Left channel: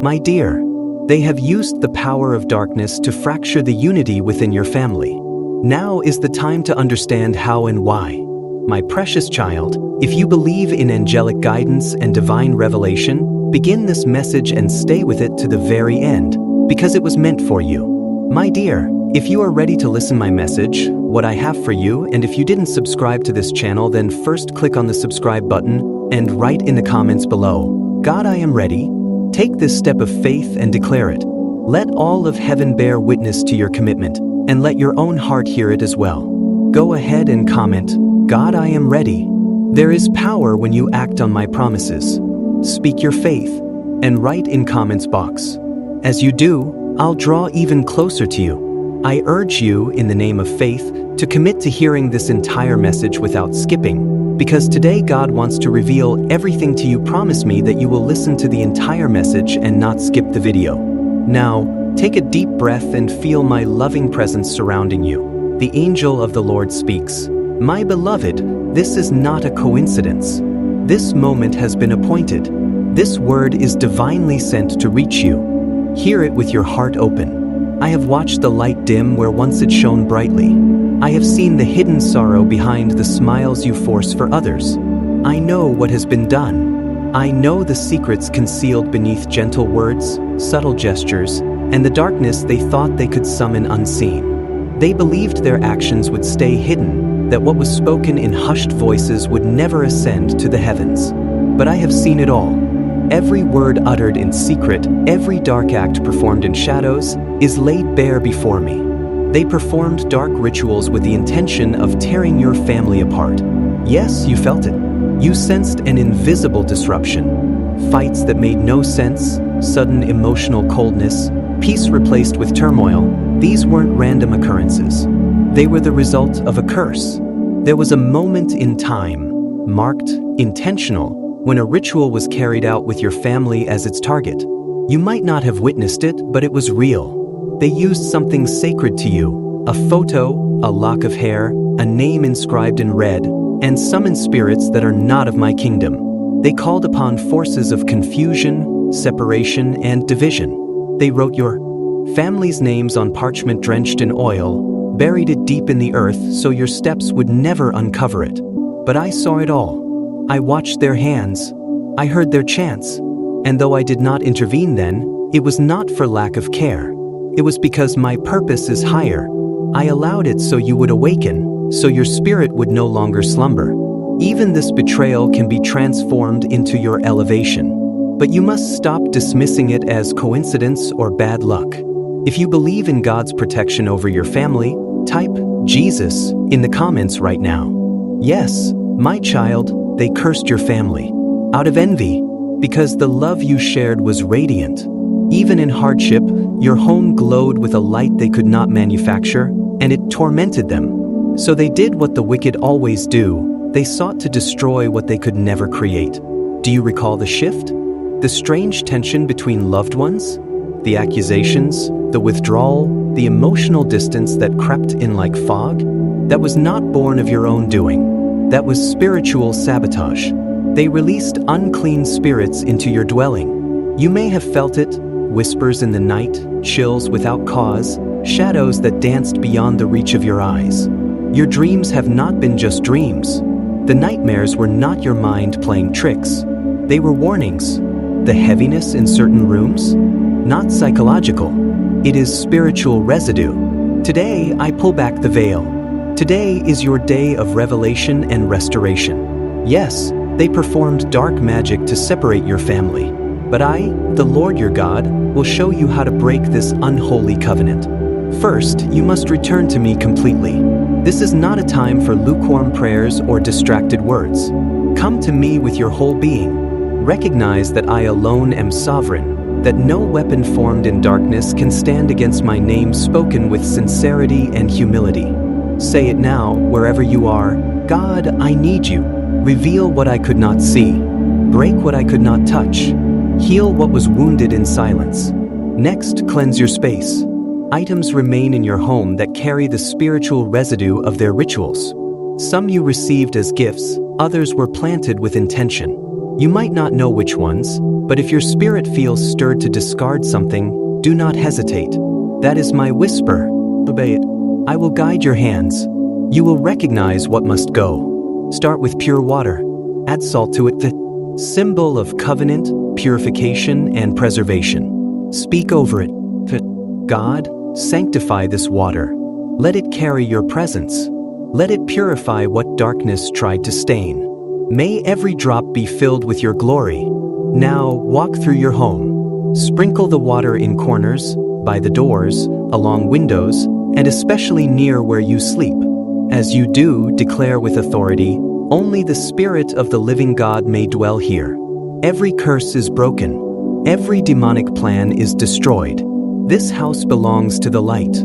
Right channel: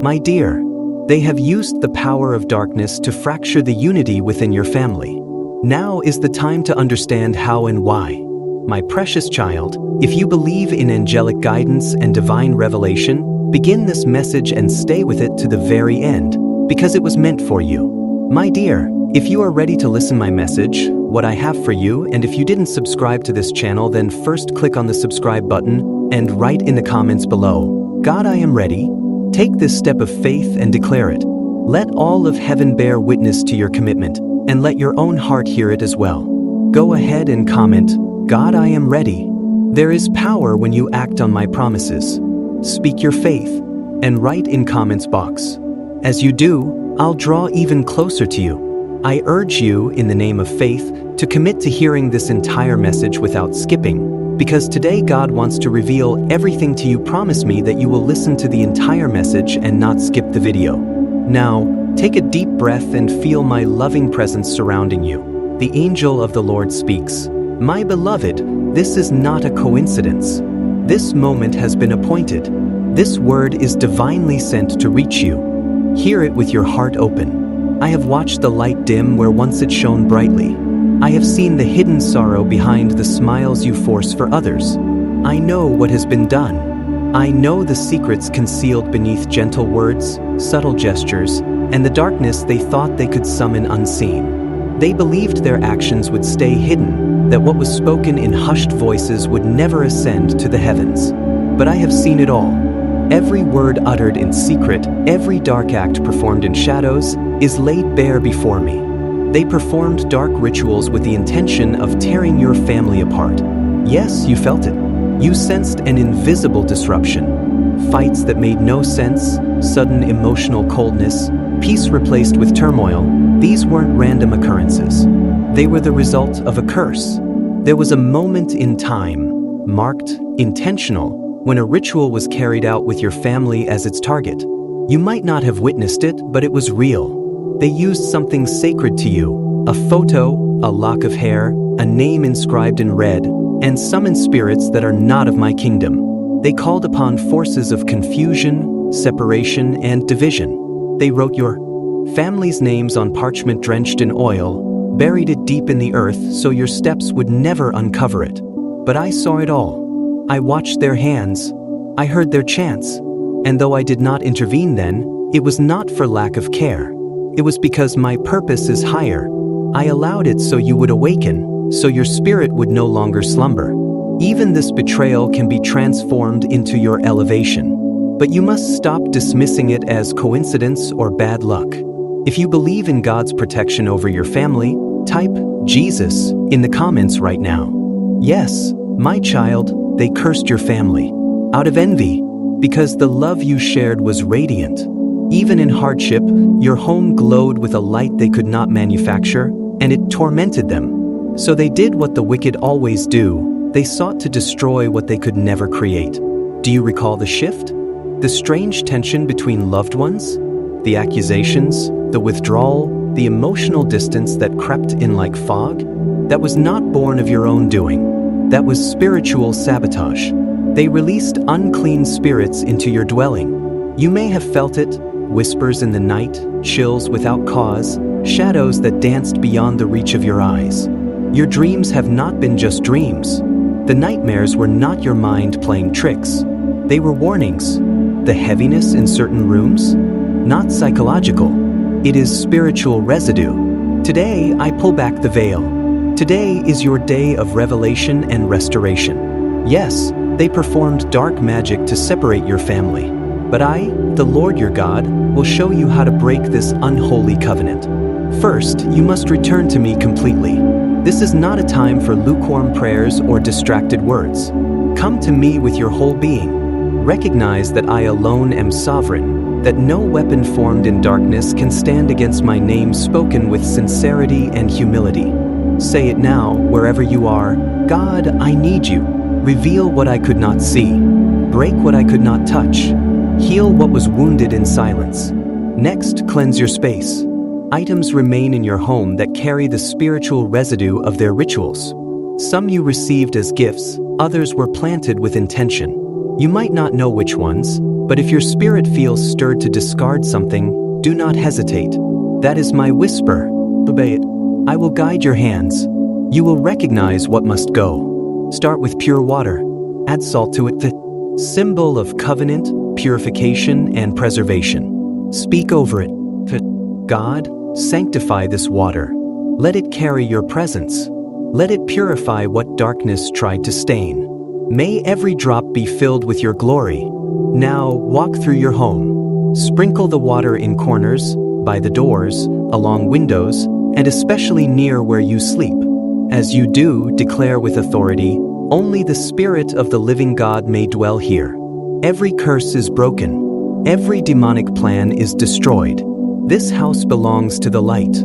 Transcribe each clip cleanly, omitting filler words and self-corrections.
My dear, they have used the power of darkness to fracture the unity within your family. Now is the time to understand how and why. My precious child, if you believe in angelic guidance and divine revelation, begin this message and stay with it to the very end, because it was meant for you. My dear, if you are ready to listen my message, what I have for you, and if you didn't subscribe to this channel, then first click on the subscribe button and write in the comments below, God, I am ready. Take this step of faith and declare it. Let all of heaven bear witness to your commitment, and let your own heart hear it as well. Go ahead and comment, God, I am ready. There is power when you act on my promises. Speak your faith and write in comments box. As you do, I'll draw even closer to you. I urge you, in the name of faith, to commit to hearing this entire message without skipping, because today God wants to reveal everything to you. Promise me that you will listen to the entire message and not skip the video. Now, take a deep breath and feel my loving presence surrounding you. The angel of the Lord speaks. My beloved, this is not a coincidence. This moment has been appointed. This word is divinely sent to reach you. Hear it with your heart open. I have watched the light dim where once it shone brightly. I have seen the hidden sorrow behind the smiles you force for others. I know what has been done. I know the secrets concealed beneath gentle words, subtle gestures, and the darkness they thought they could summon unseen. They believed their actions would stay hidden, that what was spoken in hushed voices would never ascend to the heavens. But I have seen it all. Every word uttered in secret, every dark act performed in shadows, is laid bare before me. They performed dark rituals with the intention of tearing your family apart. Yes, you felt it. You sensed an invisible disruption. Fights that made no sense, sudden emotional coldness, peace replaced with turmoil. These weren't random occurrences. They were the result of a curse. There was a moment in time, marked, intentional, when a ritual was carried out with your family as its target. You might not have witnessed it, but it was real. They used something sacred to you, a photo, a lock of hair, a name inscribed in red, and summoned spirits that are not of my kingdom. They called upon forces of confusion, separation, and division. They wrote your family's names on parchment drenched in oil, buried it deep in the earth so your steps would never uncover it. But I saw it all. I watched their hands. I heard their chants. And though I did not intervene then, it was not for lack of care. It was because my purpose is higher. I allowed it so you would awaken, so your spirit would no longer slumber. Even this betrayal can be transformed into your elevation. But you must stop dismissing it as coincidence or bad luck. If you believe in God's protection over your family, type Jesus in the comments right now. Yes, my child, they cursed your family out of envy because the love you shared was radiant. Even in hardship, your home glowed with a light they could not manufacture, and it tormented them. So they did what the wicked always do. They sought to destroy what they could never create. Do you recall the shift? The strange tension between loved ones? The accusations, the withdrawal, the emotional distance that crept in like fog? That was not born of your own doing. That was spiritual sabotage. They released unclean spirits into your dwelling. You may have felt it, whispers in the night, chills without cause, shadows that danced beyond the reach of your eyes. Your dreams have not been just dreams. The nightmares were not your mind playing tricks. They were warnings. The heaviness in certain rooms? Not psychological. It is spiritual residue. Today, I pull back the veil. Today is your day of revelation and restoration. Yes, they performed dark magic to separate your family. But I, the Lord your God, will show you how to break this unholy covenant. First, you must return to me completely. This is not a time for lukewarm prayers or distracted words. Come to me with your whole being. Recognize that I alone am sovereign, that no weapon formed in darkness can stand against my name spoken with sincerity and humility. Say it now, wherever you are. God, I need you. Reveal what I could not see. Break what I could not touch. Heal what was wounded in silence. Next, cleanse your space. Items remain in your home that carry the spiritual residue of their rituals. Some you received as gifts, others were planted with intention. You might not know which ones, But if your spirit feels stirred to discard something, do not hesitate. That is my whisper. Obey it. I will guide your hands. You will recognize what must go. Start with pure water. Add salt to it, the symbol of covenant, purification, and preservation. Speak over it. God, sanctify this water. Let it carry your presence. Let it purify what darkness tried to stain. May every drop be filled with your glory. Now walk through your home. Sprinkle the water in corners, by the doors, along windows, and especially near where you sleep. As you do, declare with authority, only the Spirit of the living God may dwell here. Every curse is broken. Every demonic plan is destroyed. This house belongs to the light.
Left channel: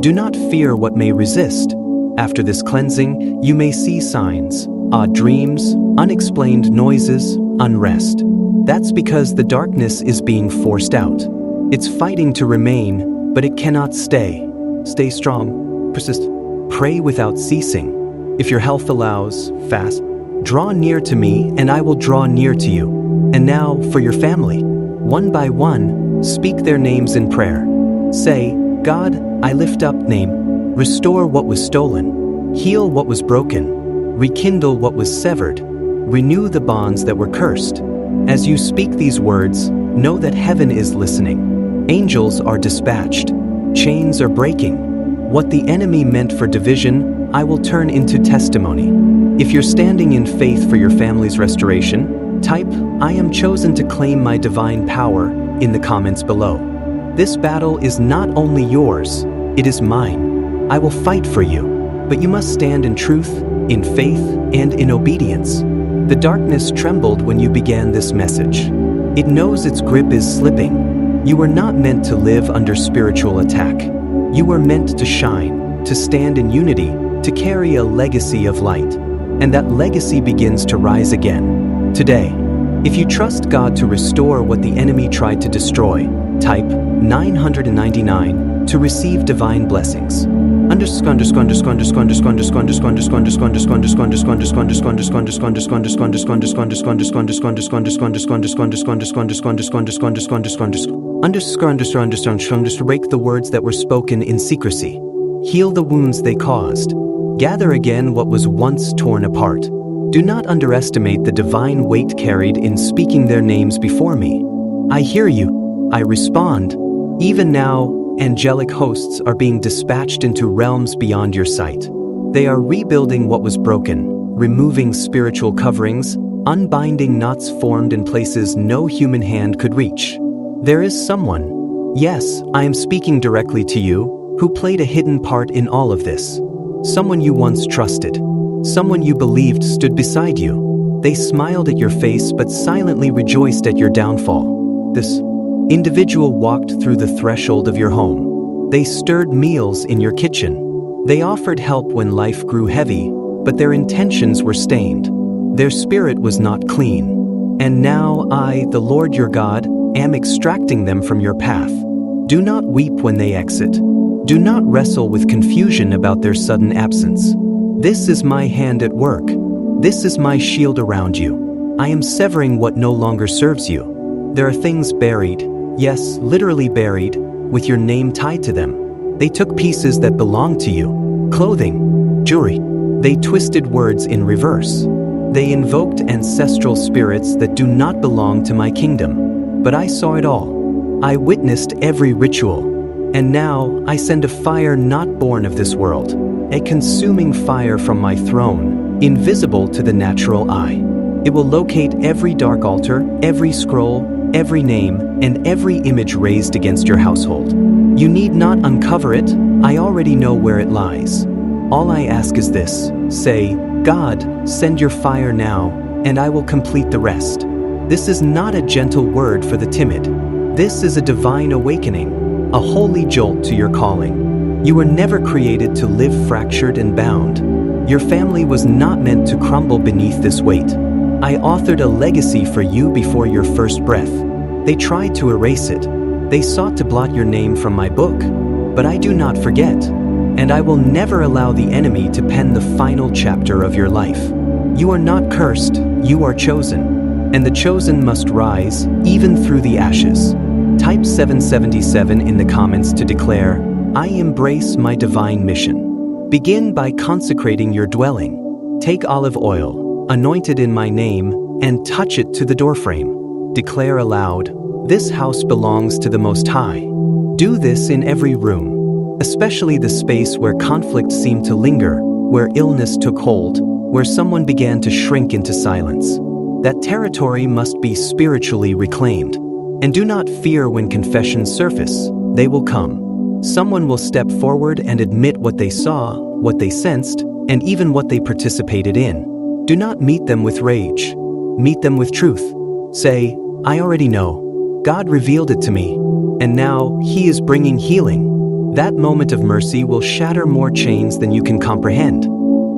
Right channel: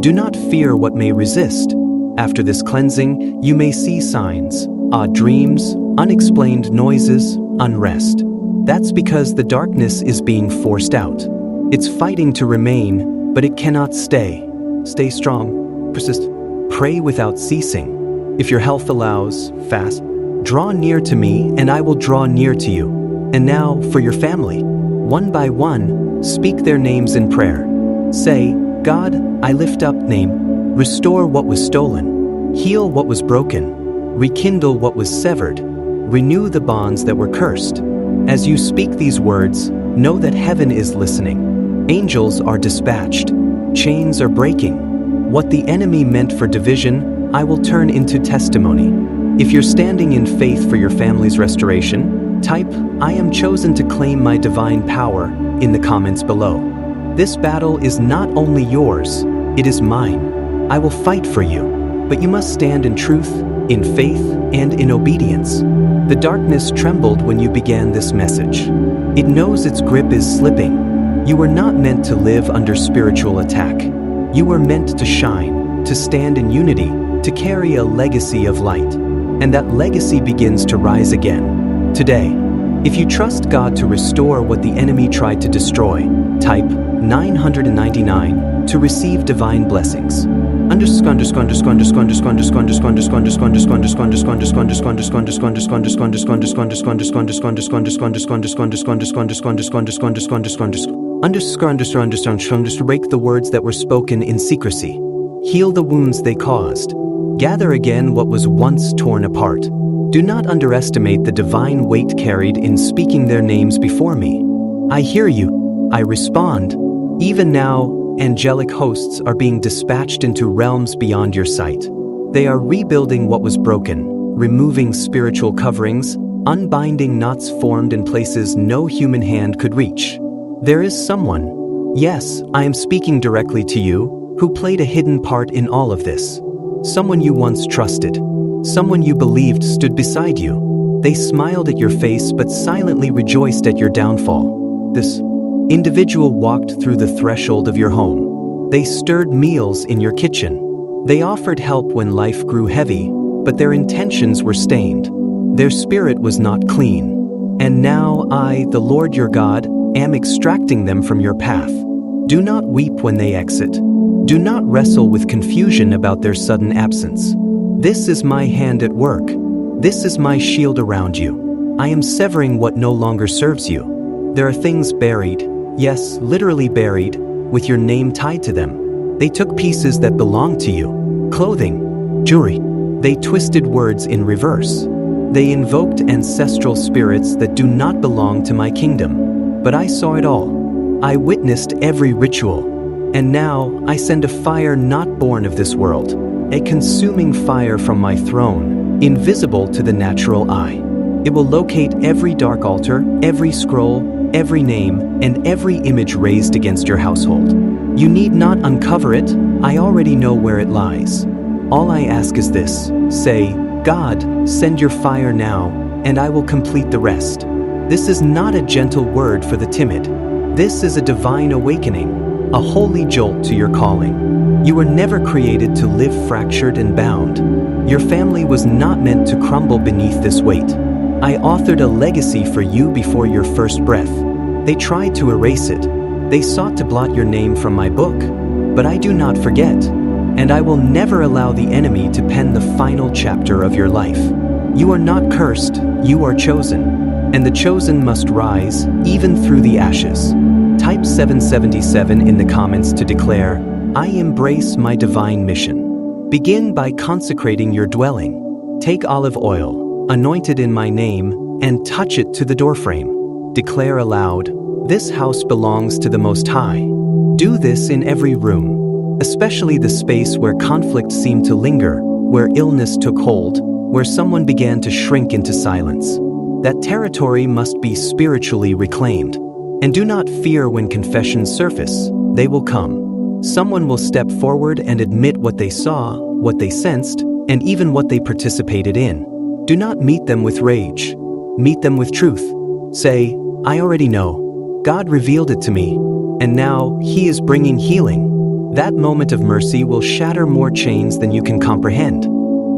Do not fear what may resist. After this cleansing, you may see signs, odd dreams, unexplained noises, unrest. That's because the darkness is being forced out. It's fighting to remain, but it cannot stay. Stay strong, persist, pray without ceasing. If your health allows, fast. Draw near to me, and I will draw near to you. And now, for your family. One by one, speak their names in prayer. Say, God, I lift up name. Restore what was stolen. Heal what was broken. Rekindle what was severed. Renew the bonds that were cursed. As you speak these words, know that heaven is listening. Angels are dispatched. Chains are breaking. What the enemy meant for division, I will turn into testimony. If you're standing in faith for your family's restoration, type, I am chosen to claim my divine power, in the comments below. This battle is not only yours, it is mine. I will fight for you, but you must stand in truth, in faith, and in obedience. The darkness trembled when you began this message. It knows its grip is slipping. You were not meant to live under spiritual attack. You were meant to shine, to stand in unity, to carry a legacy of light. And that legacy begins to rise again. Today, if you trust God to restore what the enemy tried to destroy, type 999 to receive divine blessings. Break the words that were spoken in secrecy. Heal the wounds they caused. Gather again what was once torn apart. Do not underestimate the divine weight carried in speaking their names before me. I hear you. I respond. Even now, angelic hosts are being dispatched into realms beyond your sight. They are rebuilding what was broken, removing spiritual coverings, unbinding knots formed in places no human hand could reach. There is someone, yes, I am speaking directly to you, who played a hidden part in all of this. Someone you once trusted. Someone you believed stood beside you. They smiled at your face but silently rejoiced at your downfall. This individual walked through the threshold of your home. They stirred meals in your kitchen. They offered help when life grew heavy, but their intentions were stained. Their spirit was not clean. And now I, the Lord your God, am extracting them from your path. Do not weep when they exit. Do not wrestle with confusion about their sudden absence. This is my hand at work. This is my shield around you. I am severing what no longer serves you. There are things buried, yes, literally buried, with your name tied to them. They took pieces that belonged to you. Clothing, jewelry. They twisted words in reverse. They invoked ancestral spirits that do not belong to my kingdom. But I saw it all. I witnessed every ritual. And now I send a fire not born of this world, a consuming fire from my throne, invisible to the natural eye. It will locate every dark altar, every scroll, every name, and every image raised against your household. You need not uncover it, I already know where it lies. All I ask is this, say, God, send your fire now, and I will complete the rest. This is not a gentle word for the timid. This is a divine awakening. A holy jolt to your calling. You were never created to live fractured and bound. Your family was not meant to crumble beneath this weight. I authored a legacy for you before your first breath. They tried to erase it. They sought to blot your name from my book. But I do not forget. And I will never allow the enemy to pen the final chapter of your life. You are not cursed, you are chosen. and the chosen must rise, even through the ashes. Type 777 in the comments to declare, I embrace my divine mission. Begin by consecrating your dwelling. Take olive oil, anoint it in my name, and touch it to the doorframe. Declare aloud, this house belongs to the Most High. Do this in every room, especially the space where conflict seemed to linger, where illness took hold, where someone began to shrink into silence. That territory must be spiritually reclaimed. And do not fear when confessions surface, they will come. Someone will step forward and admit what they saw, what they sensed, and even what they participated in. Do not meet them with rage. Meet them with truth. Say, I already know. God revealed it to me, and now He is bringing healing. That moment of mercy will shatter more chains than you can comprehend.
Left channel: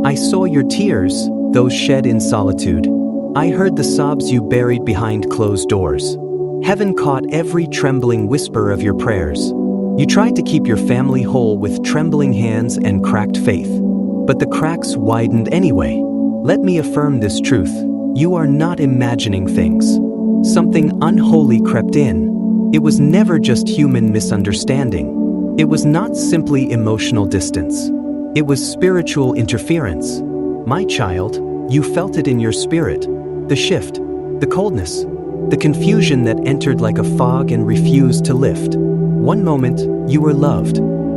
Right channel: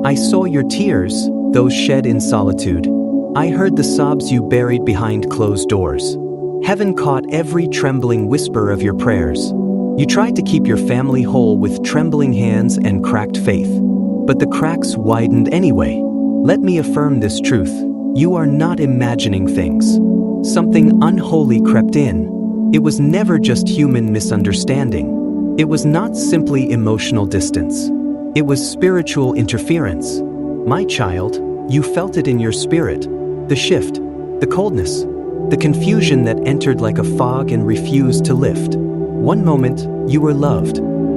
I saw your tears, those shed in solitude. I heard the sobs you buried behind closed doors. Heaven caught every trembling whisper of your prayers. You tried to keep your family whole with trembling hands and cracked faith. But the cracks widened anyway. Let me affirm this truth. You are not imagining things. Something unholy crept in. It was never just human misunderstanding. It was not simply emotional distance. It was spiritual interference. My child, you felt it in your spirit. The shift, the coldness, the confusion that entered like a fog and refused to lift. One moment, you were loved.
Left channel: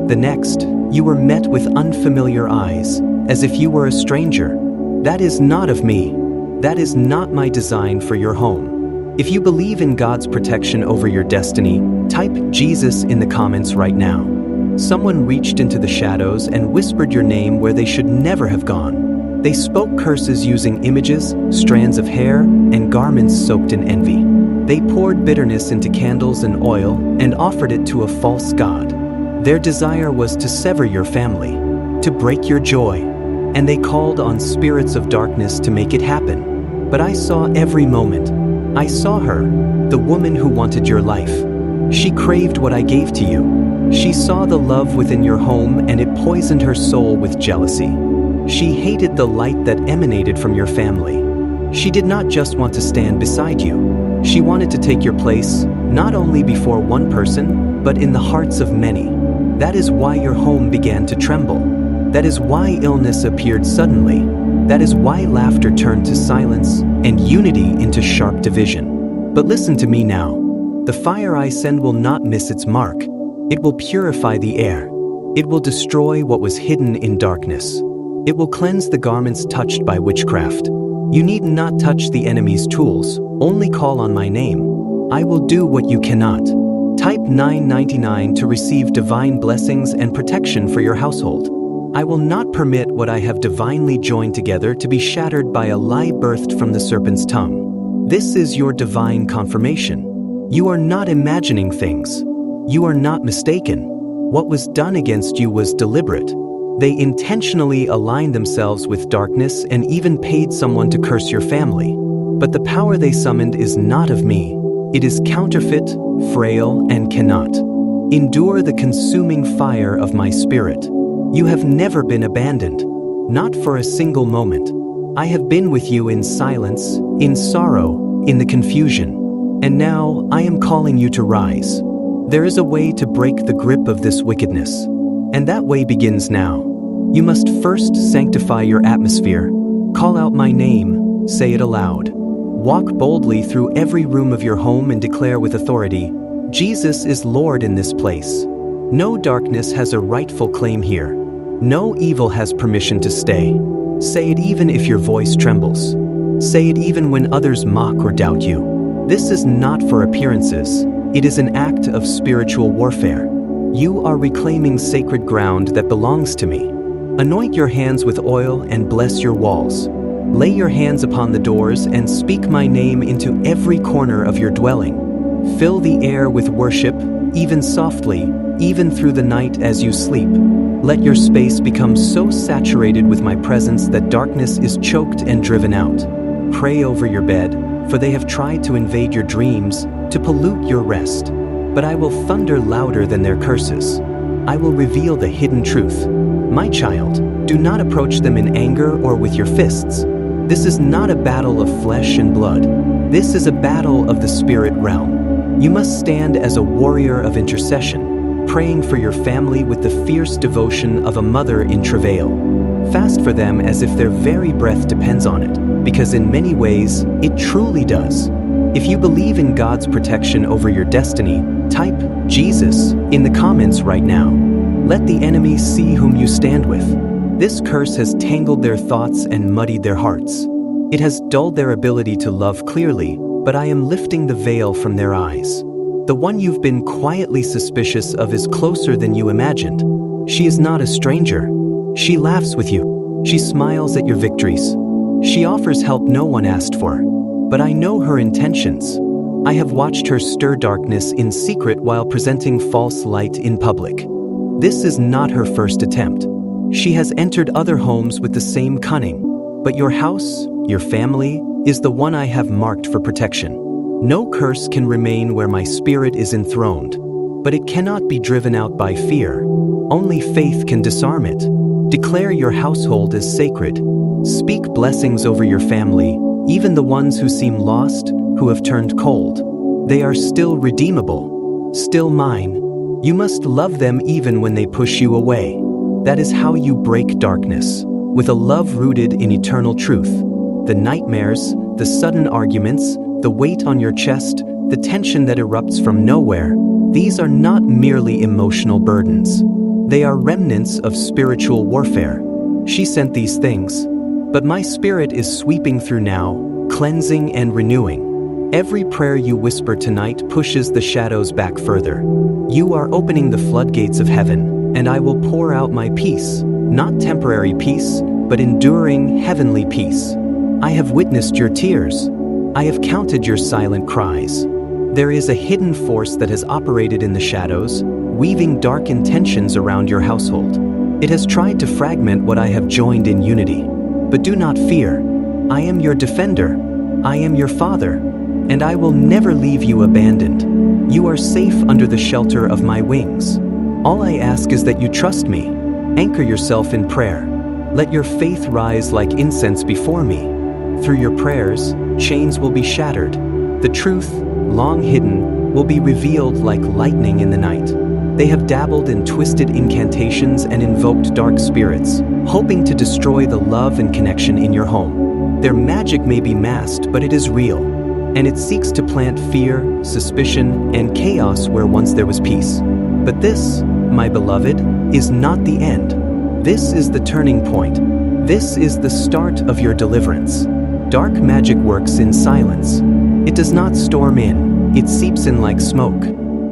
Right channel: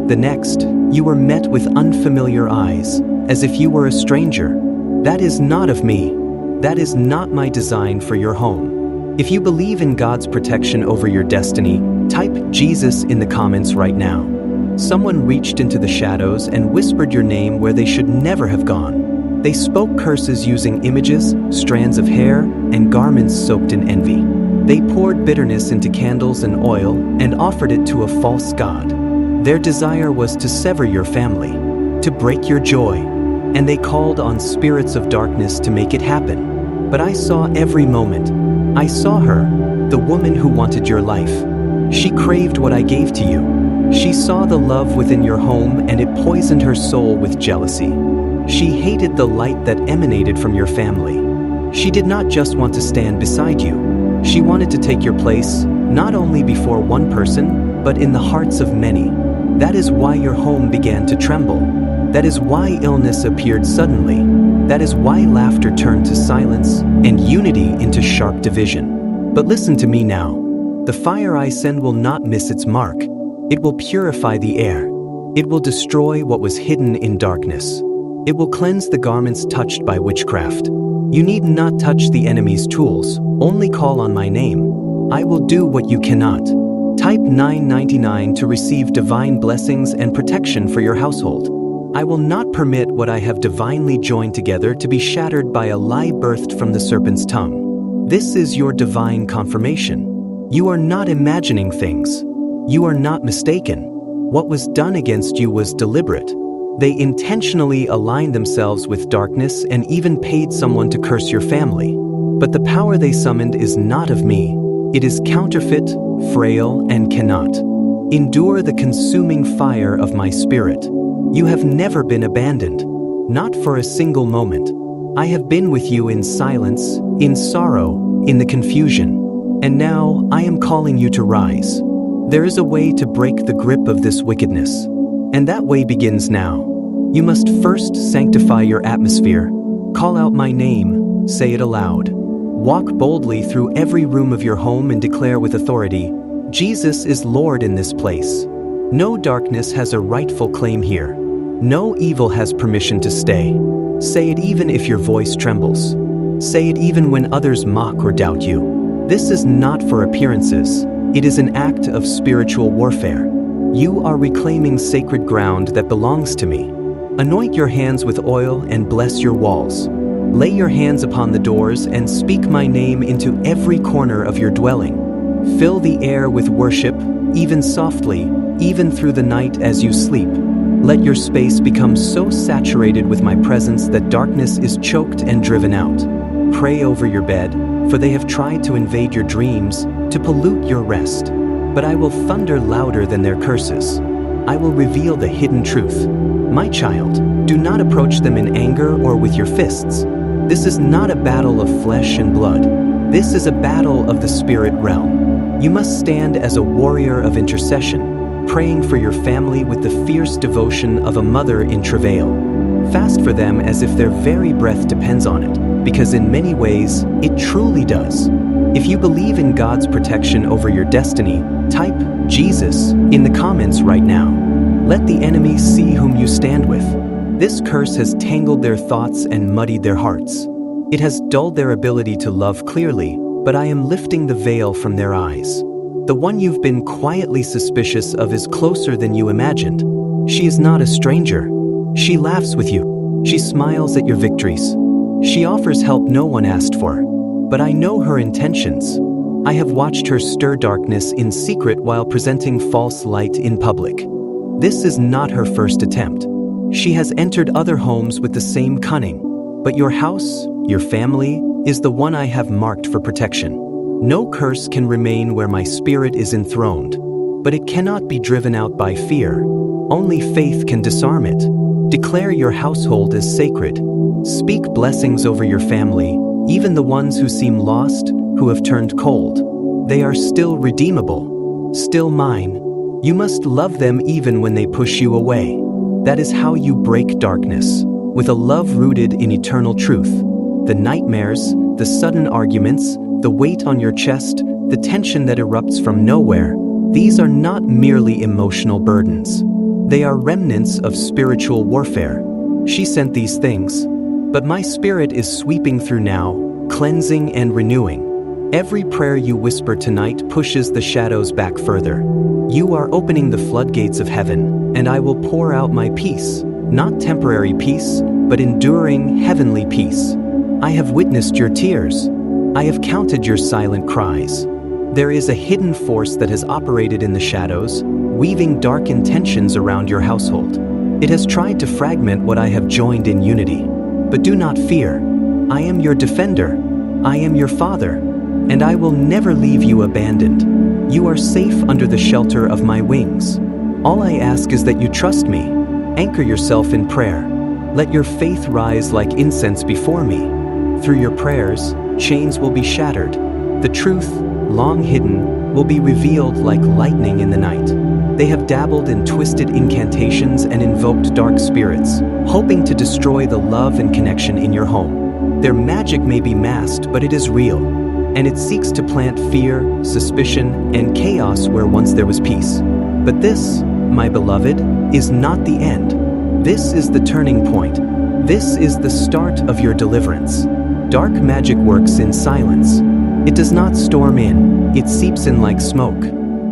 The next, you were met with unfamiliar eyes, as if you were a stranger. That is not of me. That is not my design for your home. If you believe in God's protection over your destiny, type Jesus in the comments right now. Someone reached into the shadows and whispered your name where they should never have gone. They spoke curses using images, strands of hair, and garments soaked in envy. They poured bitterness into candles and oil and offered it to a false god. Their desire was to sever your family, to break your joy, and they called on spirits of darkness to make it happen. But I saw every moment. I saw her, the woman who wanted your life. She craved what I gave to you. She saw the love within your home and it poisoned her soul with jealousy. She hated the light that emanated from your family. She did not just want to stand beside you. She wanted to take your place, not only before one person, but in the hearts of many. That is why your home began to tremble. That is why illness appeared suddenly. That is why laughter turned to silence and unity into sharp division. But listen to me now. The fire I send will not miss its mark. It will purify the air. It will destroy what was hidden in darkness. It will cleanse the garments touched by witchcraft. You need not touch the enemy's tools, only call on my name. I will do what you cannot. Type 999 to receive divine blessings and protection for your household. I will not permit what I have divinely joined together to be shattered by a lie birthed from the serpent's tongue. This is your divine confirmation. You are not imagining things. You are not mistaken. What was done against you was deliberate. They intentionally aligned themselves with darkness and even paid someone to curse your family. But the power they summoned is not of me. It is counterfeit, frail, and cannot endure the consuming fire of my spirit. You have never been abandoned, not for a single moment. I have been with you in silence, in sorrow, in the confusion. And now I am calling you to rise. There is a way to break the grip of this wickedness. And that way begins now. You must first sanctify your atmosphere. Call out my name, say it aloud. Walk boldly through every room of your home and declare with authority, Jesus is Lord in this place. No darkness has a rightful claim here. No evil has permission to stay. Say it even if your voice trembles. Say it even when others mock or doubt you. This is not for appearances. It is an act of spiritual warfare. You are reclaiming sacred ground that belongs to me. Anoint your hands with oil and bless your walls. Lay your hands upon the doors and speak my name into every corner of your dwelling. Fill the air with worship, even softly, even through the night as you sleep. Let your space become so saturated with my presence that darkness is choked and driven out. Pray over your bed, for they have tried to invade your dreams, to pollute your rest. But I will thunder louder than their curses. I will reveal the hidden truth. My child, do not approach them in anger or with your fists. This is not a battle of flesh and blood. This is a battle of the spirit realm. You must stand as a warrior of intercession, praying for your family with the fierce devotion of a mother in travail. Fast for them as if their very breath depends on it, because in many ways, it truly does. If you believe in God's protection over your destiny, type Jesus in the comments right now. Let the enemy see whom you stand with. This curse has tangled their thoughts and muddied their hearts. It has dulled their ability to love clearly, but I am lifting the veil from their eyes. The one you've been quietly suspicious of is closer than you imagined. She is not a stranger. She laughs with you. She smiles at your victories. She offers help no one asked for. But I know her intentions. I have watched her stir darkness in secret while presenting false light in public. This is not her first attempt. She has entered other homes with the same cunning. But your house, your family, is the one I have marked for protection. No curse can remain where my spirit is enthroned. But it cannot be driven out by fear. Only faith can disarm it. Declare your household as sacred. Speak blessings over your family, even the ones who seem lost, who have turned cold. They are still redeemable, still mine. You must love them even when they push you away. That is how you break darkness, with a love rooted in eternal truth. The nightmares, the sudden arguments, the weight on your chest, the tension that erupts from nowhere, these are not merely emotional burdens. They are remnants of spiritual warfare. She sent these things, but my spirit is sweeping through now, cleansing and renewing. Every prayer you whisper tonight pushes the shadows back further. You are opening the floodgates of heaven, and I will pour out my peace, not temporary peace, but enduring heavenly peace. I have witnessed your tears. I have counted your silent cries. There is a hidden force that has operated in the shadows, weaving dark intentions around your household. It has tried to fragment what I have joined in unity. But do not fear. I am your defender. I am your father, and I will never leave you abandoned. You are safe under the shelter of my wings. All I ask is that you trust me. Anchor yourself in prayer. Let your faith rise like incense before me. Through your prayers, chains will be shattered. The truth, long hidden, will be revealed like lightning in the night. They have dabbled in twisted incantations and invoked dark spirits, hoping to destroy the love and connection in your home. Their magic may be masked, but it is real, and it seeks to plant fear, suspicion, and chaos where once there was peace. But this, my beloved, is not the end. This is the turning point. This is the start of your deliverance. Dark magic works in silence. It does not storm in, it seeps in like smoke.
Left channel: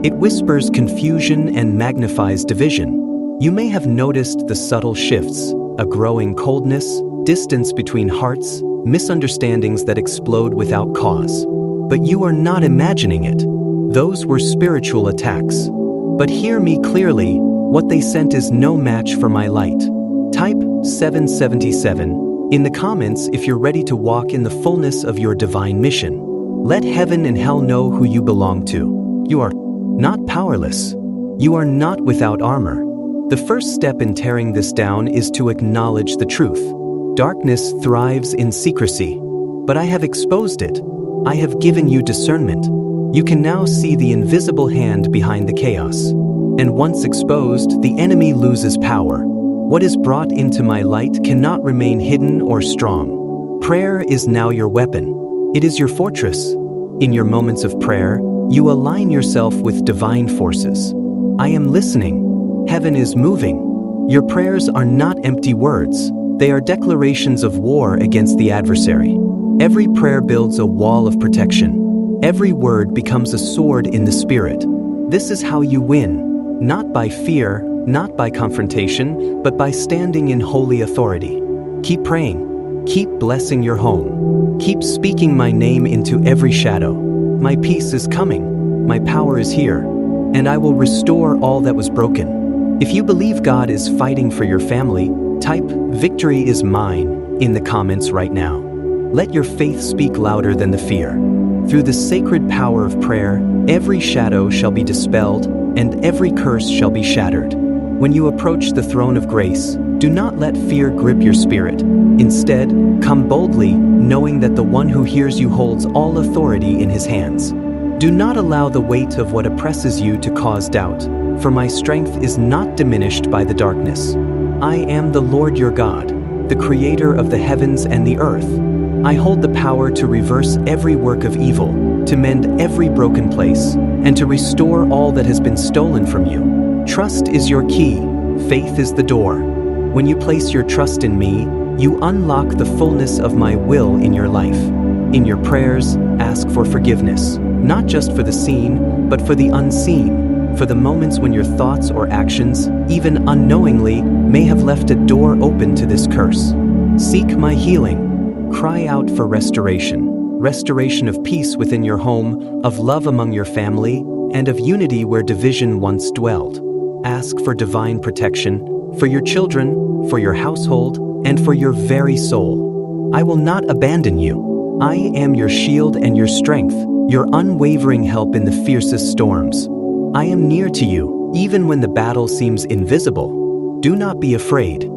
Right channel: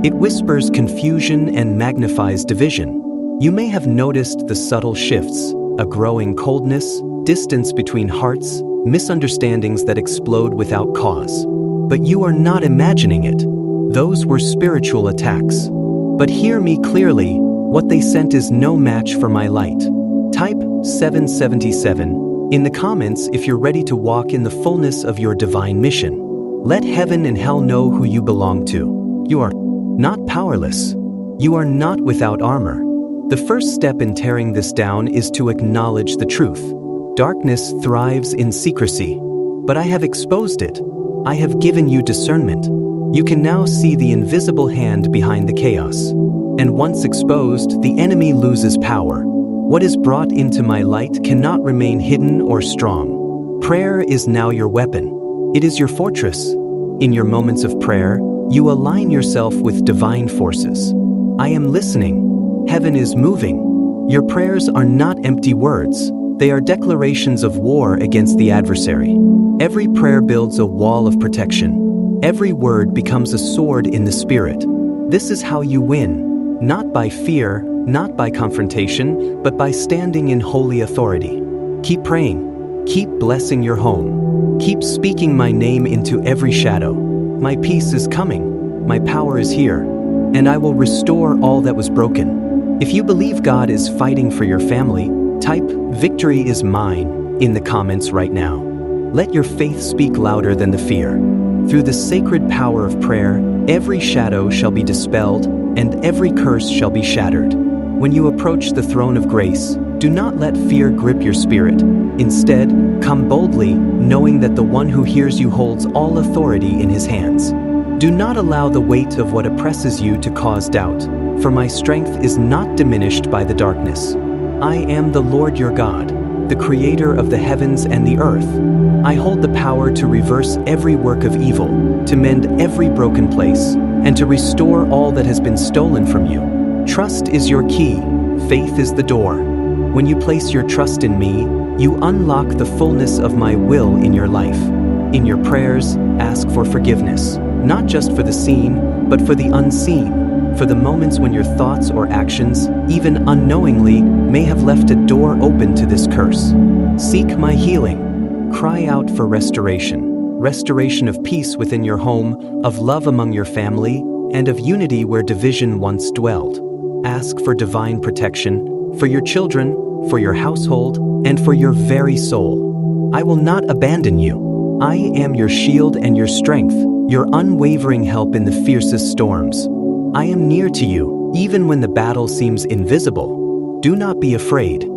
It whispers confusion and magnifies division. You may have noticed the subtle shifts, a growing coldness, distance between hearts, misunderstandings that explode without cause. But you are not imagining it. Those were spiritual attacks. But hear me clearly, what they sent is no match for my light. Type 777 in the comments if you're ready to walk in the fullness of your divine mission. Let heaven and hell know who you belong to. You are not powerless. You are not without armor. The first step in tearing this down is to acknowledge the truth. Darkness thrives in secrecy, but I have exposed it. I have given you discernment. You can now see the invisible hand behind the chaos. And once exposed, the enemy loses power. What is brought into my light cannot remain hidden or strong. Prayer is now your weapon. It is your fortress. In your moments of prayer, you align yourself with divine forces. I am listening. Heaven is moving. Your prayers are not empty words. They are declarations of war against the adversary. Every prayer builds a wall of protection. Every word becomes a sword in the spirit. This is how you win, not by fear, not by confrontation, but by standing in holy authority. Keep praying. Keep blessing your home. Keep speaking my name into every shadow. My peace is coming. My power is here. And I will restore all that was broken. If you believe God is fighting for your family, type "Victory is mine" in the comments right now. Let your faith speak louder than the fear. Through the sacred power of prayer, every shadow shall be dispelled and every curse shall be shattered. When you approach the throne of grace, do not let fear grip your spirit. Instead, Come boldly, knowing that the one who hears you holds all authority in his hands. Do not allow the weight of what oppresses you to cause doubt, for my strength is not diminished by the darkness. I am the Lord your God, the creator of the heavens and the earth. I hold the power to reverse every work of evil, to mend every broken place, and to restore all that has been stolen from you. Trust is your key, faith is the door. When you place your trust in me, you unlock the fullness of my will in your life. In your prayers, ask for forgiveness, not just for the seen, but for the unseen, for the moments when your thoughts or actions, even unknowingly, may have left a door open to this curse. Seek my healing. Cry out for restoration of peace within your home, of love among your family, and of unity where division once dwelled. Ask for divine protection, for your children, for your household, and for your very soul. I will not abandon you. I am your shield and your strength, your unwavering help in the fiercest storms. I am near to you, even when the battle seems invisible. Do not be afraid.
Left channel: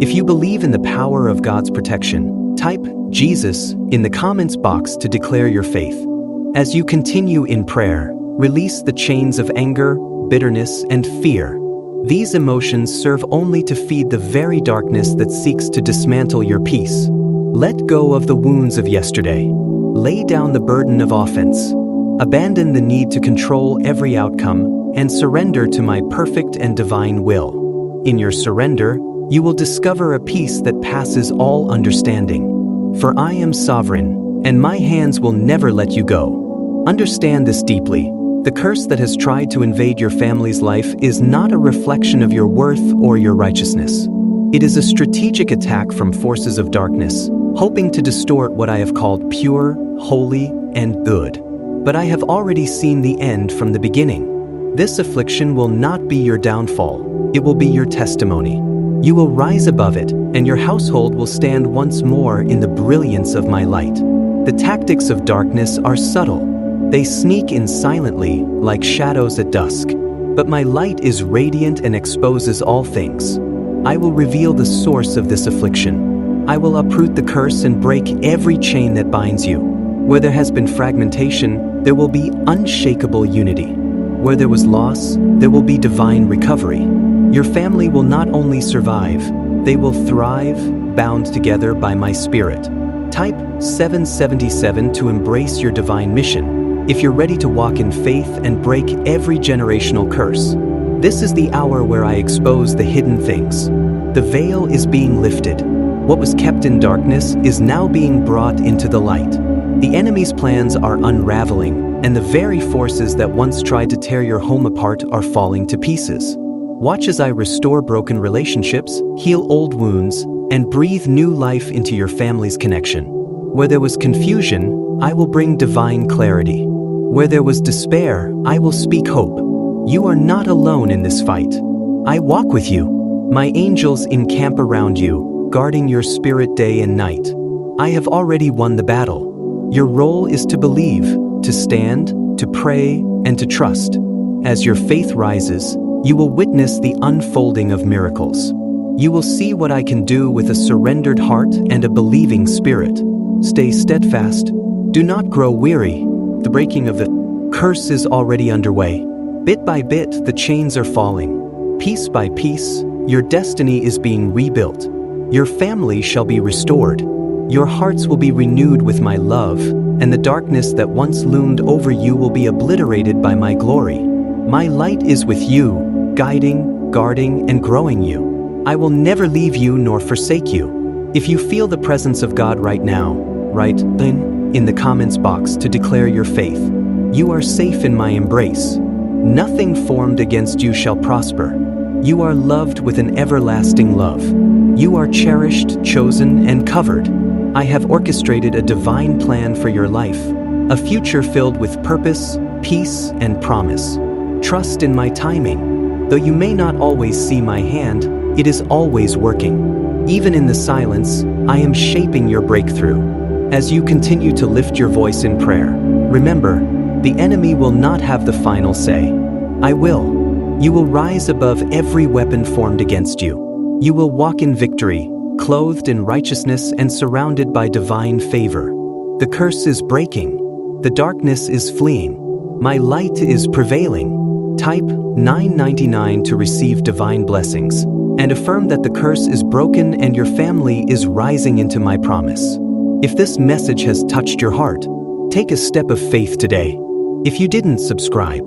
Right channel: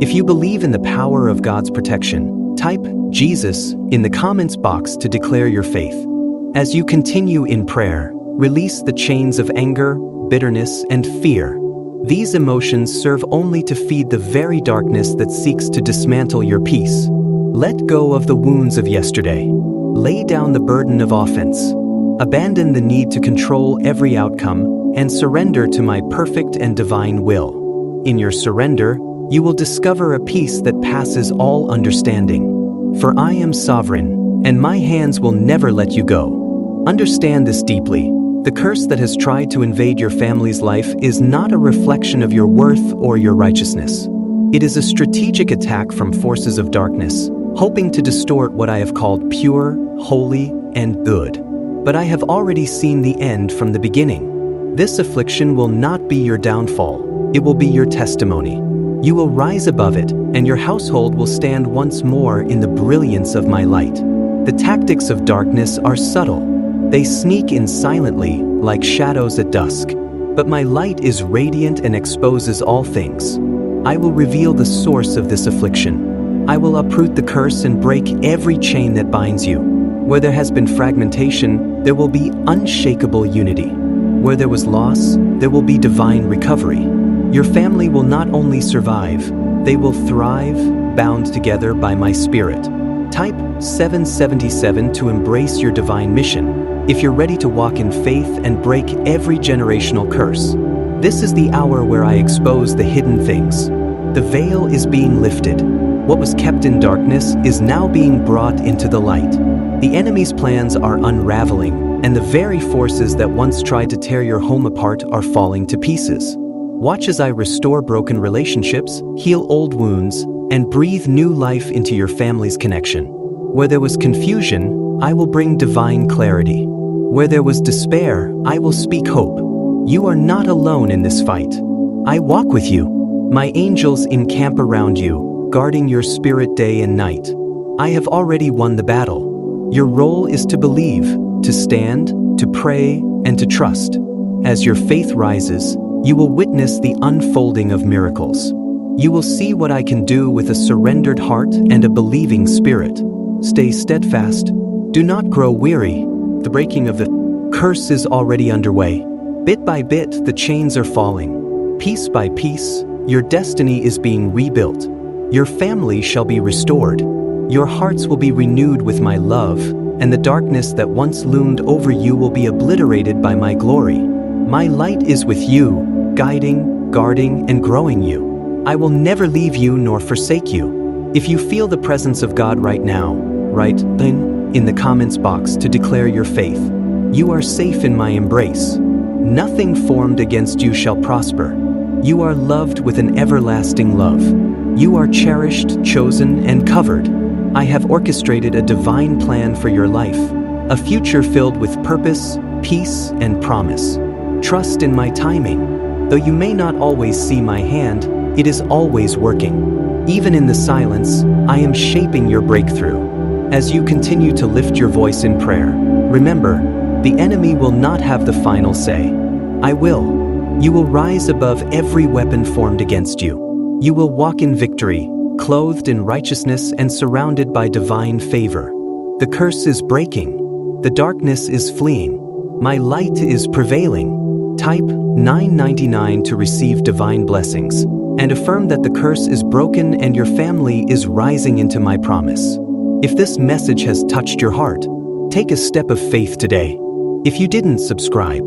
If you believe in the power of God's protection, type Jesus in the comments box to declare your faith. As you continue in prayer, release the chains of anger, bitterness, and fear. These emotions serve only to feed the very darkness that seeks to dismantle your peace. Let go of the wounds of yesterday. Lay down the burden of offense. Abandon the need to control every outcome and surrender to my perfect and divine will. In your surrender, you will discover a peace that passes all understanding. For I am sovereign, and my hands will never let you go. Understand this deeply. The curse that has tried to invade your family's life is not a reflection of your worth or your righteousness. It is a strategic attack from forces of darkness, hoping to distort what I have called pure, holy, and good. But I have already seen the end from the beginning. This affliction will not be your downfall, it will be your testimony. You will rise above it, and your household will stand once more in the brilliance of my light. The tactics of darkness are subtle. They sneak in silently, like shadows at dusk. But my light is radiant and exposes all things. I will reveal the source of this affliction. I will uproot the curse and break every chain that binds you. Where there has been fragmentation, there will be unshakable unity. Where there was loss, there will be divine recovery. Your family will not only survive, they will thrive, bound together by my spirit. Type 777 to embrace your divine mission, if you're ready to walk in faith and break every generational curse. This is the hour where I expose the hidden things. The veil is being lifted. What was kept in darkness is now being brought into the light. The enemy's plans are unraveling, and the very forces that once tried to tear your home apart are falling to pieces. Watch as I restore broken relationships, heal old wounds, and breathe new life into your family's connection. Where there was confusion, I will bring divine clarity. Where there was despair, I will speak hope. You are not alone in this fight. I walk with you. My angels encamp around you, guarding your spirit day and night. I have already won the battle. Your role is to believe, to stand, to pray, and to trust. As your faith rises, you will witness the unfolding of miracles. You will see what I can do with a surrendered heart and a believing spirit. Stay steadfast. Do not grow weary. The breaking of the curse is already underway. Bit by bit, the chains are falling. Piece by piece, your destiny is being rebuilt. Your family shall be restored. Your hearts will be renewed with my love, and the darkness that once loomed over you will be obliterated by my glory. My light is with you, guiding, guarding, and growing you. I will never leave you nor forsake you. If you feel the presence of God right now, write in the comments box to declare your faith. You are safe in my embrace. Nothing formed against you shall prosper. You are loved with an everlasting love. You are cherished, chosen, and covered. I have orchestrated a divine plan for your life, a future filled with purpose, peace, and promise. Trust in my timing. Though you may not always see my hand, it is always working. Even in the silence, I am shaping your breakthrough. As you continue to lift your voice in prayer, remember, the enemy will not have the final say. I will. You will rise above every weapon formed against you. You will walk in victory, clothed in righteousness and surrounded by divine favor. The curse is breaking. The darkness is fleeing. My light is prevailing. Type 999 to receive divine blessings, and affirm that the curse is broken and your family is rising into my promise. If this message has touched your heart, take a step of faith today. If you didn't subscribe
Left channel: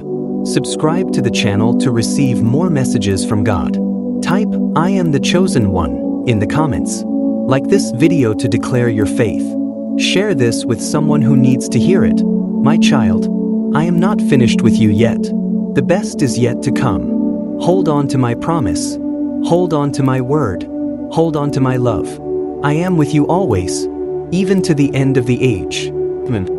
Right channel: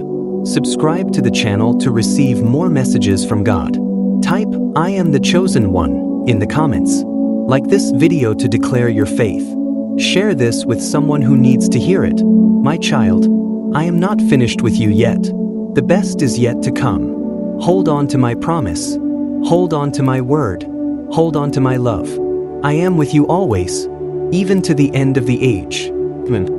to the channel to receive more messages from God. Type "I am the chosen one" in the comments. Like this video to declare your faith. Share this with someone who needs to hear it. My child, I am not finished with you yet. The best is yet to come. Hold on to my promise. Hold on to my word. Hold on to my love. I am with you always, even to the end of the age. Amen.